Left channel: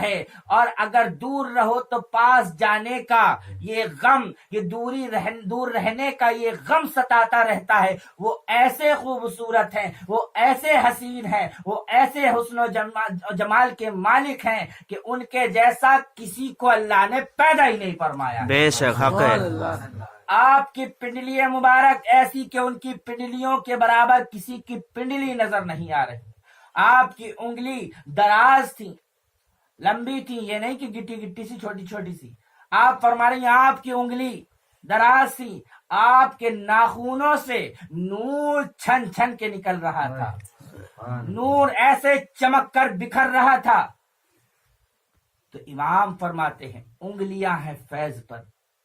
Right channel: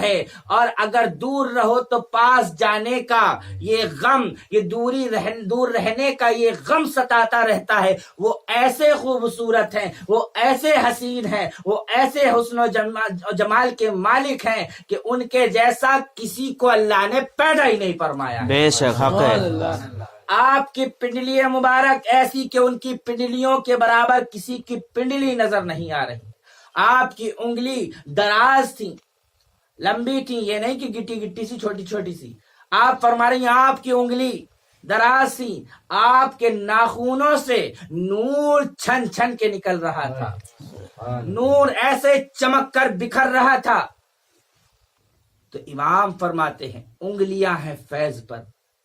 ہے، اور اگر دور رہو تو پاس جانے کا یہ غم، یہ دور رہنے کا یہ غم ستاتا رہتا ہے۔ وہ ایسے خوبصورت ہیں، وہ ایسے حسین ہیں، وہ ایسے حسن و جمال کے مالک ہیں کہ ان کے جیسا کسی کو اللہ نے پیدا ہی نہیں فرمایا۔ بے شک حق ہے۔ آپ کی پنڈلی مبارک ایسی کہ ان کی پنڈلیوں کے برابر کسی کی پنڈلی نظر نہیں آ رہی۔ آپ کی انگلی دراز تھی، لمبی تھی، یہ نہیں کہ گٹی گٹی سی چھوٹی چھوٹی سی۔ آپ فرما رہی ہیں آپ کی انگلی دراز تھی، آپ کے ناخنوں سے نور چھن چھن کے نکل رہا تھا، نور ایسے چمک کر بکھر رہا تھا۔ تو امام فرماتے ہیں انگلیاں ہیں فیض پر،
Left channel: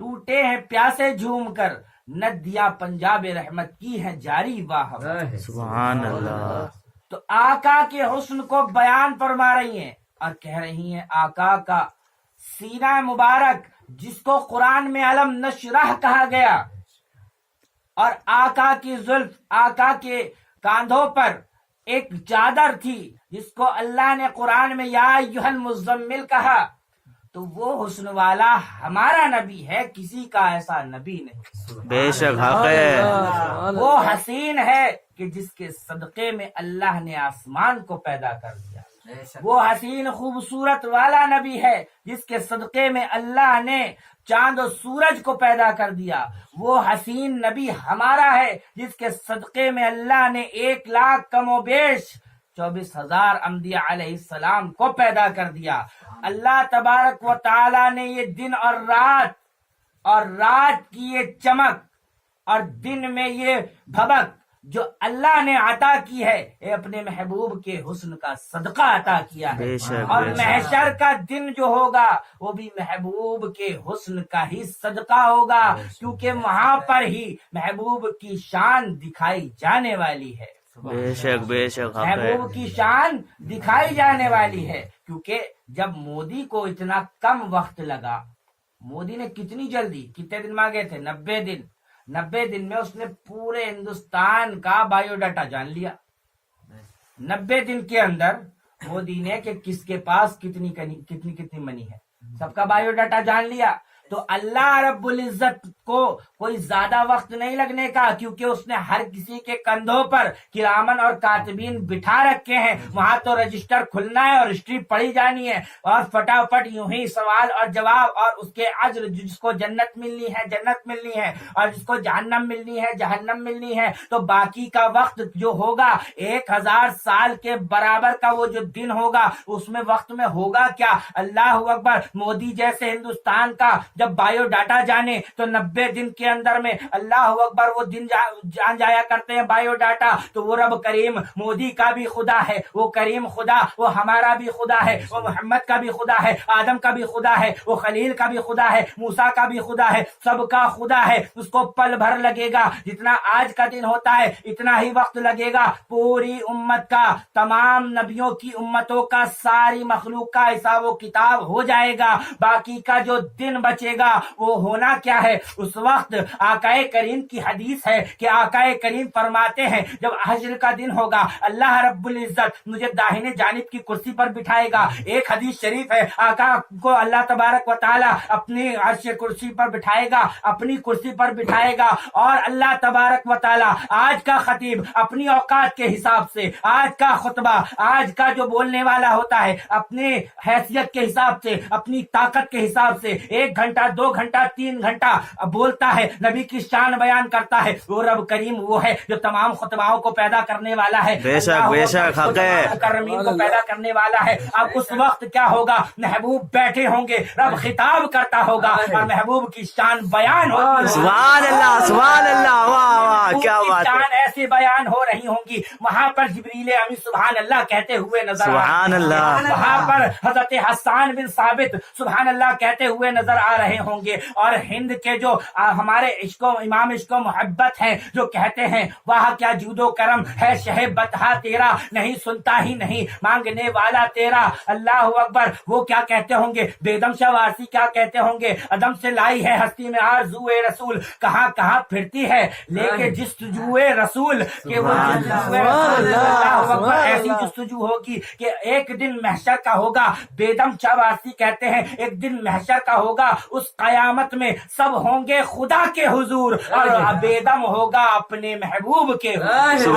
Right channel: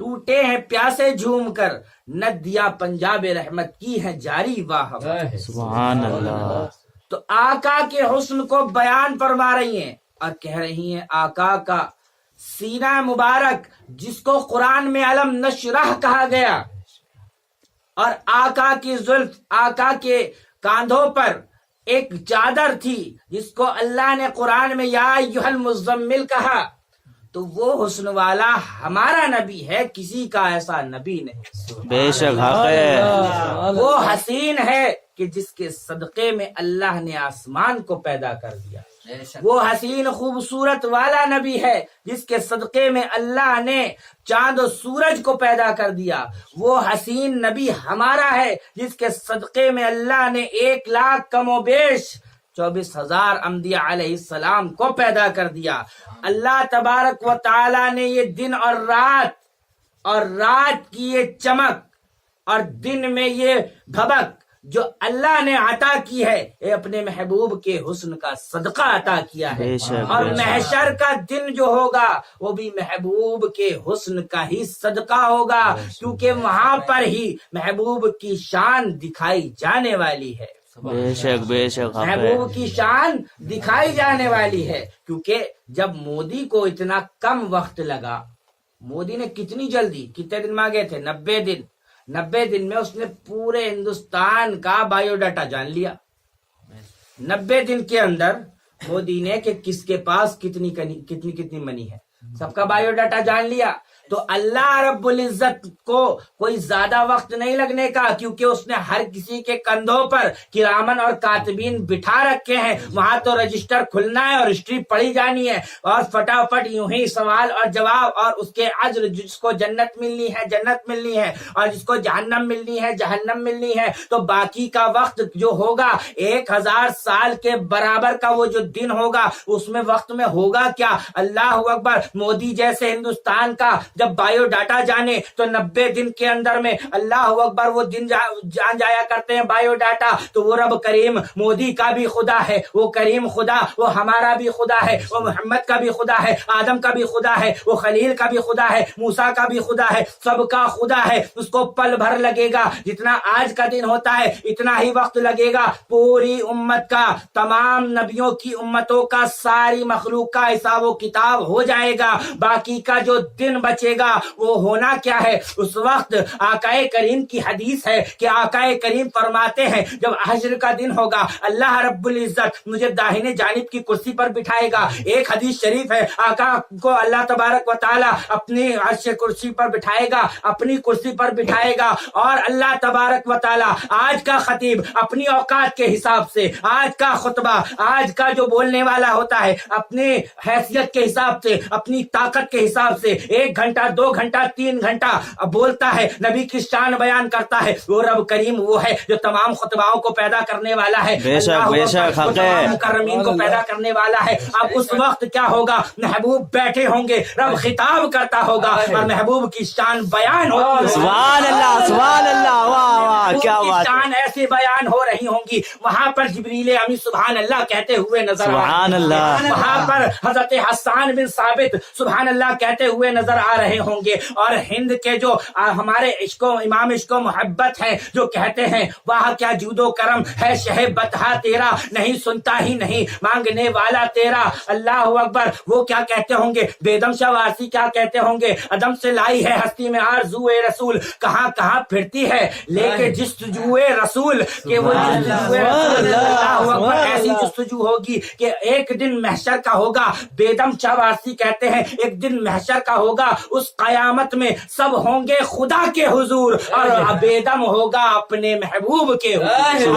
ٹوٹے ہیں پیاسے جھوم کر، ندیاں پنجاب رحمت کی ہے جاری واہ۔ سبحان اللہ۔ تو آقا کے حسن کو بیان فرما رہی ہیں اور کہہ رہی ہیں آقا کا سینہ مبارک جس کو قرآن میں علم نشرح کہا گیا، اور آقا کی زلف، آقا کے کاندھوں پر ایک چادر تھی جس کو اللہ نے قرآن میں یا ایھا المزمل کہا، تو وہ حسن والا ہمارا نبی ہے، کسی کا ایسا نبی نہیں۔ بے شک حق ہے۔ وہ حسین ہے کہ جس کے صدقے میں اللہ نے آسمان کو پیدا کر دیا۔ وہ حسین خوبصورت والا نبی ہے جس کے صدقے میں اللہ نے چاند و سورج کو پیدا کر دیا۔ وہ حسین نبی ہمارا ہے جس کے صدقے میں اللہ نے 1,00,000 کم و بیش 24,000 انبیاء علیہ السلام کو پیدا کر دیا۔ اللہ تبارک و تعالی نے یہ دن اور رات کی یہ چمک اور دن میں یہ بھبک جو اللہ نے عطا کی ہے، یہ اپنے محبوب کے حسن کا صدقہ عطا کیا ہے۔ اور محشر کا دن جو ہوگا وہ بھی محبوب کے حسن کا ہی صدقہ ہوگا، کیونکہ وہاں پر ہی محبوب کی شان دکھائی جانے والی ہے۔ بے شک بے شک محبوب کی شان دکھائی جانے والی ہے، کیونکہ جب مودی کو اتنا کم وقت لگا، مودی نے کتنی جلدی، کتنے دن مانگے تھے؟ 90 دن۔ 90 دن میں اس نے پورے ہندوستان کا بایو ڈاٹا جان لیا۔ 90 دن کے اندر مودی نے کہ کس کے پاس کتنی منی ہے، سب کا بایو ڈاٹا جان لیا۔ تو اللہ رب العزت کو کوئی زیادہ وقت نہیں لگنے کا، کیونکہ اس نے ہر کسی کے کندھوں پر کرامن اور کاتبین بٹھا رکھے ہیں۔ وہاں تو رجسٹر کھلنا ہے اور ہسٹری پڑھی جانی ہے، اور فٹافٹ یوں ہی سوال اور جواب، اور اس کے اجر، جس کو جنت ملنی ہے جنت ملنی ہے، اور جس کو جہنم ملنی ہے جہنم ملنی ہے۔ تو باقی کا وقت جو ہوگا 1000 سال کے برابر کا وہ جو دن ہوگا، اس میں وقت میں ہوگا کیا؟ اللہ اکبر۔ مودی جیسے ہندوستان کا جب بایو ڈاٹا جانے تو 90 دن کے اندر میں اللہ اکبر وہ دن جان جایا کرتے ہیں بایو ڈاٹا۔ تو وہ رب کریم مودی کا بھی خدا ہے، وہ کریم خدا، وہ ہمارا بھی خدا ہے، وہ محمد کا بھی خدا ہے، آدم کا بھی خدا ہے، وہ خلیل کا بھی خدا ہے، موسیٰ کا بھی خدا ہے، سب کا خدا ہے۔ اس کو پل بھر لگے گا، جتنا آج کا دن ہوتا ہے اتنا ہی وقت لگے گا پوری امت کا، تمام نبیوں کی امتوں کا، ساری مخلوق کا حساب و کتاب ہو جائے گا۔ باقی کا جو دن بچے گا وہ ہونا کیا ہے؟ اس وقت آقا کریم کی حدیث ہے کہ آقا کریم فرماتے ہیں جب حشر کا دن ہوگا اللہ رب العزت مجھے داہنے جانب کی کرسی پر بٹھائے گا۔ ایک حدیث شریف ہے آقا کو اللہ تبارک و تعالی اپنی عرش کرسی پر بٹھائے گا، اپنی کرسی پر بٹھائے گا، اور اللہ تبارک و تعالی آج کا خطیب اپنی اوقات کے حساب سے، آج کا خطبہ، آج کا جو بولنے والا ہوتا ہے اپنی حیثیت کے حساب سے، اپنی طاقت کے حساب سے 1 گھنٹہ 2 گھنٹہ 3 گھنٹہ بولتا ہے، نبی کی شان بیان کرتا ہے۔ وہ رب کریم وہ ہے جو تمام خطباؤں کو پیدا کرنے والا ہے، اللہ وہ تمام مکرمین کو پیدا کرنے والا ہے۔ اب اس وقت کیا ہوگا؟ محبوب بیٹھے ہوں گے، رب خطاب کرتا ہوگا اور محبوب کی شان بیان ہوتی ہوگی۔ سبحان اللہ سبحان اللہ، کیا کی بات۔ شان ایسے بیان ہو رہی ہوں گی، وہاں پر جبریل امین سبحان اللہ کہتے ہوئے نظر آ رہے ہوں گے، وہاں پر حضرت حسان بن ثابت سبحان اللہ کہتے ہوئے نظر آ رہے ہوں گے، اور ہند کے جو ہمارے امام عشق و محبت ہیں جو کہتے ہیں واہ کیا جود و کرم ہے شہ بطحا تیرا، نہیں سنتا ہی نہیں مانگنے والا تیرا، اللہ اکبر۔ وہ کیا کہتے ہوں گے؟ بیدم شاہ وارسی کیا کہتے ہوں گے؟ عدم سے لائی ہے ہستی میں آرزو رسول، کہاں کہاں پھرتی ہے لے کے جستجو رسول کہ وہ جستجو رسول اللہ اکبر ایسی جستجو ہوگی کہ ایک دن محشر کا ہوگا. بیدم چاواسی کہتے ہیں ایک دن محشر کا ہوگا, اس قیامت میں سب ہوں گے خدا کے حضور اور بیدم ہوگا اپنے محبوب کے حضور.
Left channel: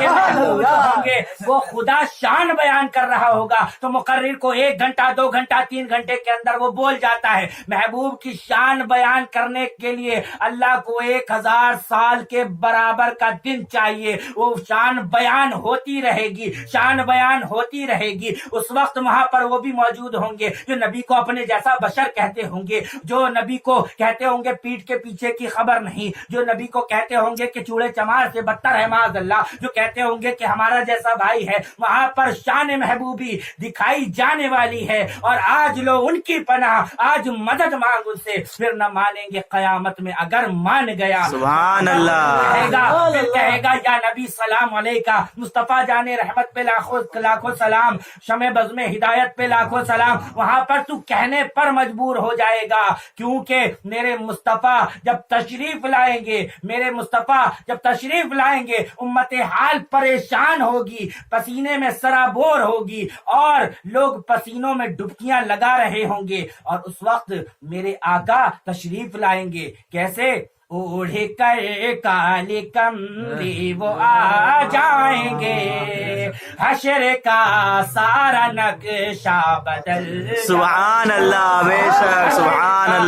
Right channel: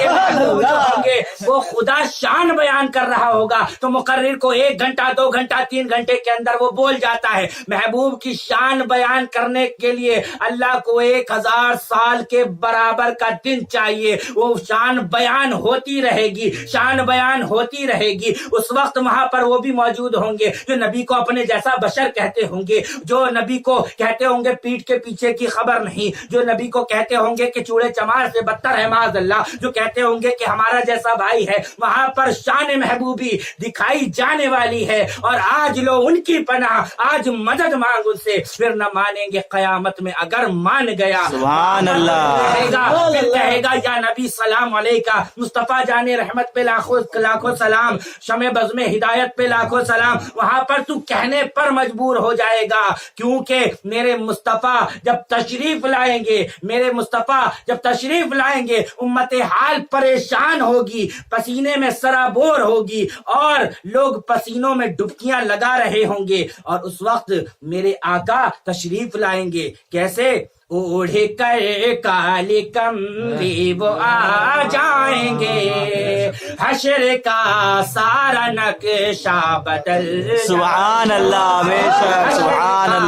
یہ محبوب جو ہوں گے وہ خدا شان بیان کر رہا ہوگا تو مقرر کو 1 گھنٹہ 2 گھنٹہ 3 گھنٹے کے اندر وہ بول جاتا ہے. محبوب کی شان بیان کرنے کے لیے اللہ کو 1000 سال کے برابر کا دن چاہیے. وہ شان بیان ہوتی رہے گی, شان بیان ہوتی رہے گی. اس وقت وہاں پر وہ بھی موجود ہوں گے جو نبی کو اپنے جیسا بشر کہتے ہوں گے, جو نبی کو کہتے ہوں گے پیٹھ کے پیچھے کی خبر نہیں, جو نبی کو کہتے ہوں گے کہ چوڑے چمار سے بدتر ہے معاذ اللہ, جو کہتے ہوں گے کہ ہمارا جیسا بھائی ہے. وہاں پر شان محبوبی دکھائی جانے والی ہے اور آج لو ان کی پناہ, آج مدد مانگ ان سے, پھر نہ مانیں گے قیامت میں. اگر مان گیا پھر کہے گا یا نبی سلام علیکہ, مصطفیٰ جان رحمت پہ لاکھوں سلام, شمع بزم ہدایت پہ لاکھوں سلام. وہاں پر تو کہنے پر مجبور ہو جائے گا کیونکہ میرے مصطفیٰ جب تشریف لائیں گے, میرے مصطفیٰ جب تشریف لائیں گے امت حال پریشان ہوگی, پسینے میں سرابور ہوگی اور لوگ پسینوں میں ڈبکیاں لگا رہے ہوں گے. اور اس وقت میرے آقا تشریف لائیں گے کیسے؟ اڑ کر کالی کمری وہ آ جائیں گے, حشر کا سارا نقشہ بدل سبحان اللہ, حشر کا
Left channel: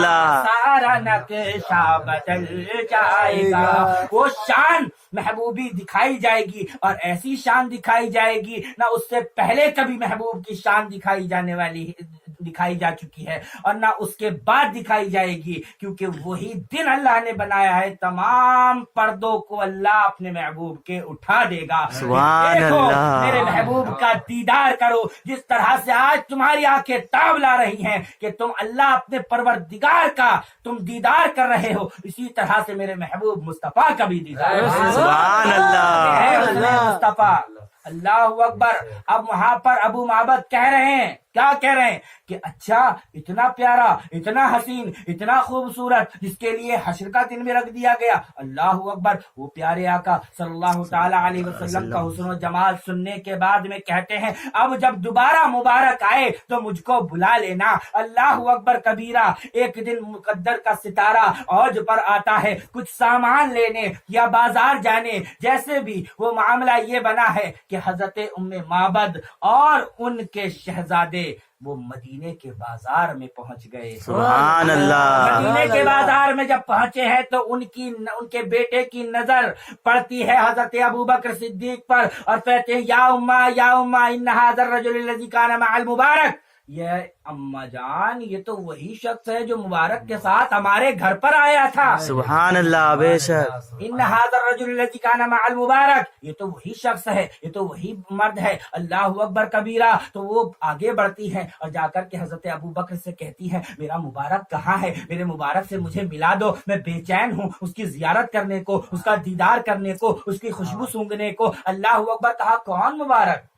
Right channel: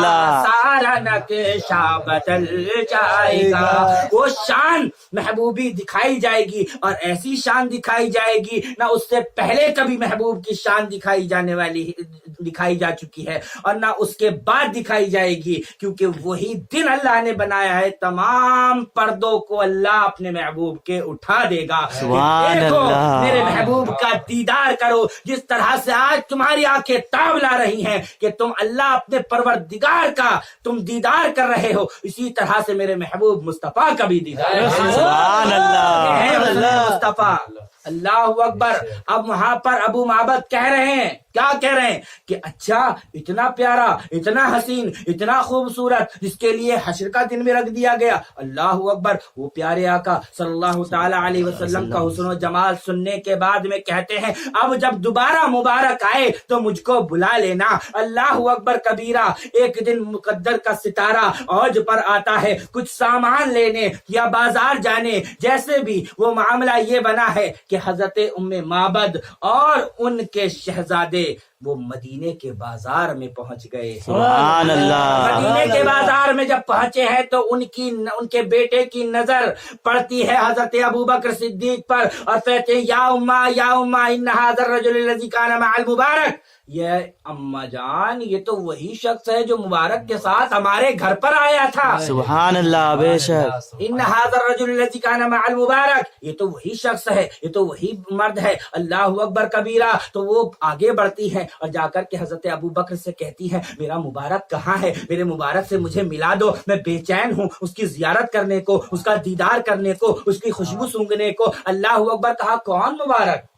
سارا نقشہ بدل جائے گا. وہ شان محبوبی دکھائی جائے گی اور ایسی شان دکھائی جائے گی نہ اس سے پہلے کبھی محبوب کی شان دکھائی جا چکی ہے اور نہ اس کے بعد دکھائی جائے گی, کیونکہ وہی دن اللہ نے بنایا ہے تمام پردوں کو اللہ اپنے محبوب کے اٹھا دے گا کہ دیکھو میرے محبوب کا دیدار کرو. جس طرح سے آج تمہاری آنکھیں تاب لا رہی ہیں کہ تم اللہ اپنے پروردگار کا تم دیدار کر رہے ہو, اسی طرح سے میرے محبوب مصطفیٰ کا بھی دیدار ہے. مصطفیٰ اللہ اکبر. اب وہاں پر ابو معبد کہہ رہے ہیں, کیا کہہ رہے ہیں کہ اچھا اتنا پیارا, اتنا حسین, اتنا خوبصورت جس کے لیے حشر کا دن میں رکھ دیا گیا. اللہ اکبر. وہ پیارے آقا صلی اللہ تعالی علیہ وسلم کا حسن و جمال سننے کے بعد میں کہتے ہیں اب جب دوبارہ مبارک آئے تو مجھ کو بلا لینا. اللہ اکبر کبیرہ. ایک دن مقدر کا ستارہ اوج پر آتا ہے کچھ سامان لینے یا بازار جانے, جیسے بھی وہ معاملہ یہ بنا ہے کہ حضرت ام معبد اور ان کے شہزادے وہ مدینے کے بازار میں پہنچ گئے. مدینے کے بازار میں جب پہنچے ہیں تو ان کے بیٹے کی نظر پڑتی ہے حضرت ابوبکر صدیق پر اور کہتے ہیں یا اما ان ھذا الرجل الذی کان مع المبارک. یہ اما جان یہ تو وہی شخص ہے جو مبارک کے ساتھ ہمارے گھر پر آیا تھا. سبحان اللہ, بے شک. ان ھذا الرجل الذی کان مع المبارک, یہ تو وہی شخص ہے, یہ تو وہی مرد ہے. اللہ اکبر کبیرہ. تو وہ آگے بڑھتی ہے اور جا کر کے حضرت ابوبکر سے کہتی ہے میرا مبارک کہاں ہے, میرے مبارک سے مجھے ملا دو, میں بے چین ہوں اس کی زیارت کرنے کو, اس کا دیدار کرنے کو, اس کی خوشبو سونگھنے کو. اللہ اکبر. کہا کون مبارک,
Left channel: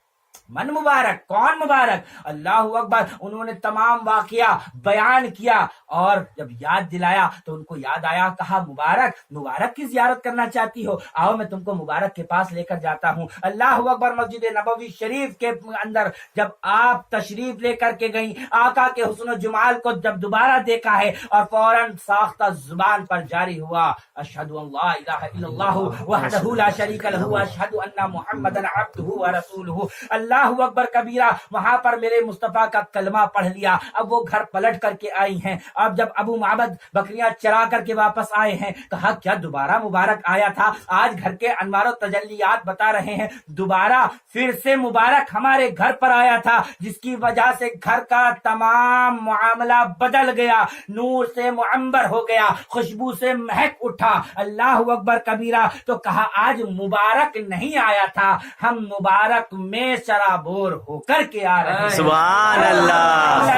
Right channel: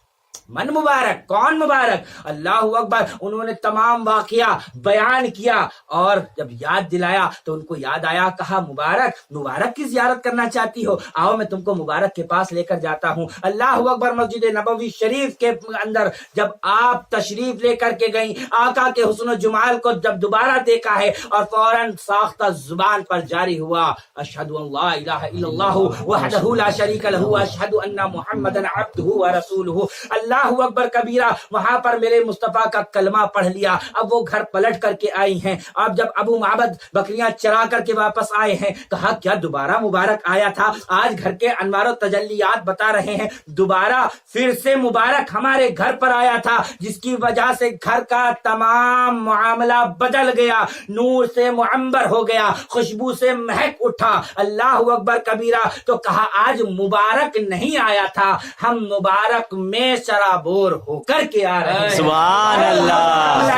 من مبارک, کون مبارک. اللہ اکبر. انہوں نے تمام واقعہ بیان کیا اور جب یاد دلایا تو ان کو یاد آیا. کہا مبارک کی زیارت کرنا چاہتی ہو, آؤ میں تم کو مبارک کے پاس لے کر جاتا ہوں. اللہ اکبر. مسجد نبوی شریف کے اندر جب آپ تشریف لے کر کے گئیں, آقا کے حسن و جمال کو جب دوبارہ دیکھا ہے اور فوراً ساختہ زبان پر جاری ہوا اشہد ان لا الہ الا اللہ وحدہ لا شریک لہ اشہد ان محمدا عبدہ ورسولہ. اللہ اکبر کبیرہ. وہاں پر میرے مصطفیٰ کا کلمہ پڑھ لیا. اب وہ گھر پلٹ کر کے آئی ہیں. اب جب ابو معبد بکریاں چرا کر کے واپس آئے ہیں, کہا کیا دوبارہ مبارک آیا تھا؟ آج گھر کے انوار و تجلیات بتا رہے ہیں دوبارہ پھر سے مبارک ہمارے گھر پر آیا تھا, جس کی وجہ سے گھر کا تمام معاملہ بدل گیا, نور سے معمر ہو گیا, خوشبو سے مہک اٹھا. اللہ اکبر کبیرہ. تو کہا آج مبارک نہیں آیا تھا, ہم مبارک میں سرابور ہو کر کے آ رہے ہیں.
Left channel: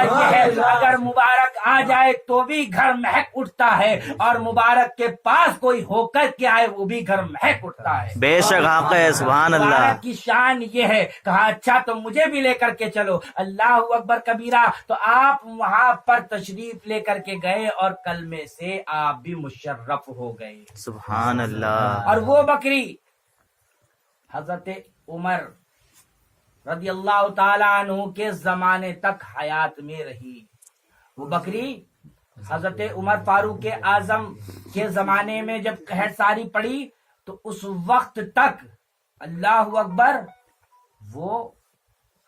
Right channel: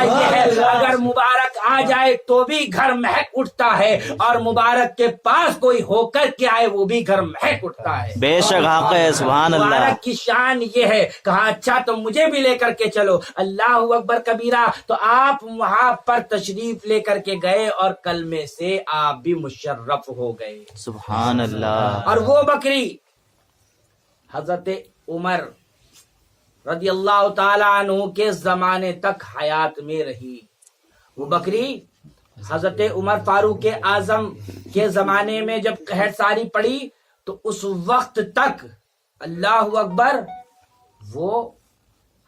دورہ یہ ہے اگر مبارک آ جائے تو بھی گھر مہک اٹھتا ہے اور مبارک کے پاس کوئی ہو کر کے آئے وہ بھی گھر مہک اٹھتا ہے. بے شک حق ہے. سبحان اللہ. مبارک کی شان یہ ہے. کہا اچھا تو مجھے بھی لے کر کے چلو. اللہ اکبر کبیرہ. تو آپ وہاں پر تشریف لے کر کے گئے اور کلمے سے آپ بھی مشرف ہو گئے. سبحان اللہ. اور وہ بکری حضرت عمر رضی اللہ تعالی عنہ کے زمانے تک حیات میں رہی. وہ بکری حضرت عمر فاروق اعظم کے زمانے میں جب قحط ساری پڑی تو اس وقت تک اللہ اکبر وہ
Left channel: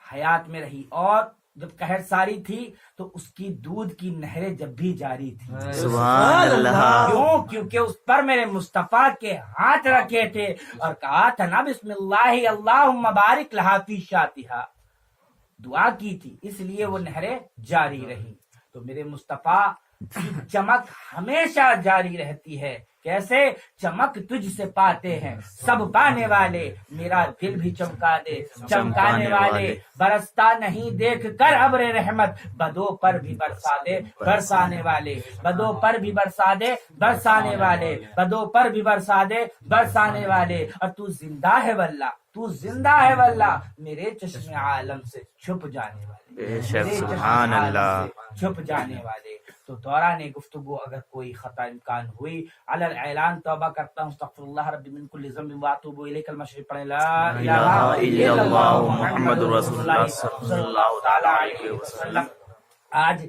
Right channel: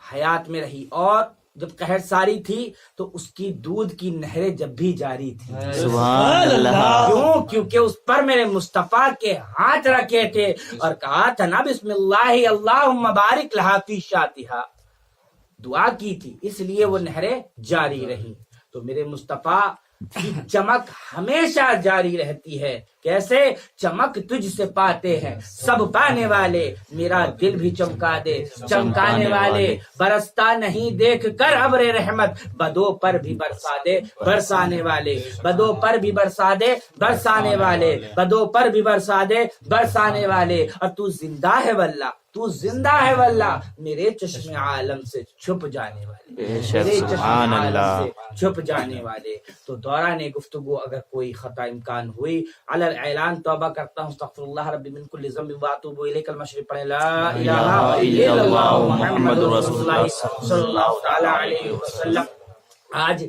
حیات میں رہی. اور جب قحط ساری تھی تو اس کی دودھ کی نہریں جب بھی جاری تھی. سبحان اللہ. کیوں؟ کیونکہ اس پر میرے مصطفیٰ کے ہاتھ رکھے تھے اور کہا تھا نا بسم اللہ اللہم بارک لہا فی شاتہا. دعا کی تھی اس لیے وہ نہریں جاری رہی. تو میرے مصطفیٰ کی چمک ہمیشہ جاری رہتی ہے. کیسے؟ چمک تجھ سے پاتے ہیں سب پانے والے. میرا دل بھی چمکا دے چمکانے والے. برستا نہیں دیکھ کر ابر رحمت بدوں پر بھی برسا دے برسانے والے. بدوں پر بھی برسا دے برسانے والے. بدوں پر بھی برسا دے برسانے والے. اور تو زندہ ہے واللہ تو زندہ ہے واللہ میرے چشم عالم سے چھپ جانے والے. میرے چشم عالم سے چھپ جانے والے. تو دوران گفتگو اگر کوئی خطا امکان ہوئی علی اعلان توبہ کرتا ہوں. استغفر اللہ ربی من کل ذنب واتوب الیہ. کلمہ شریف پڑھیں لا الہ الا اللہ محمد رسول اللہ صلی اللہ تعالی علیہ وسلم. آج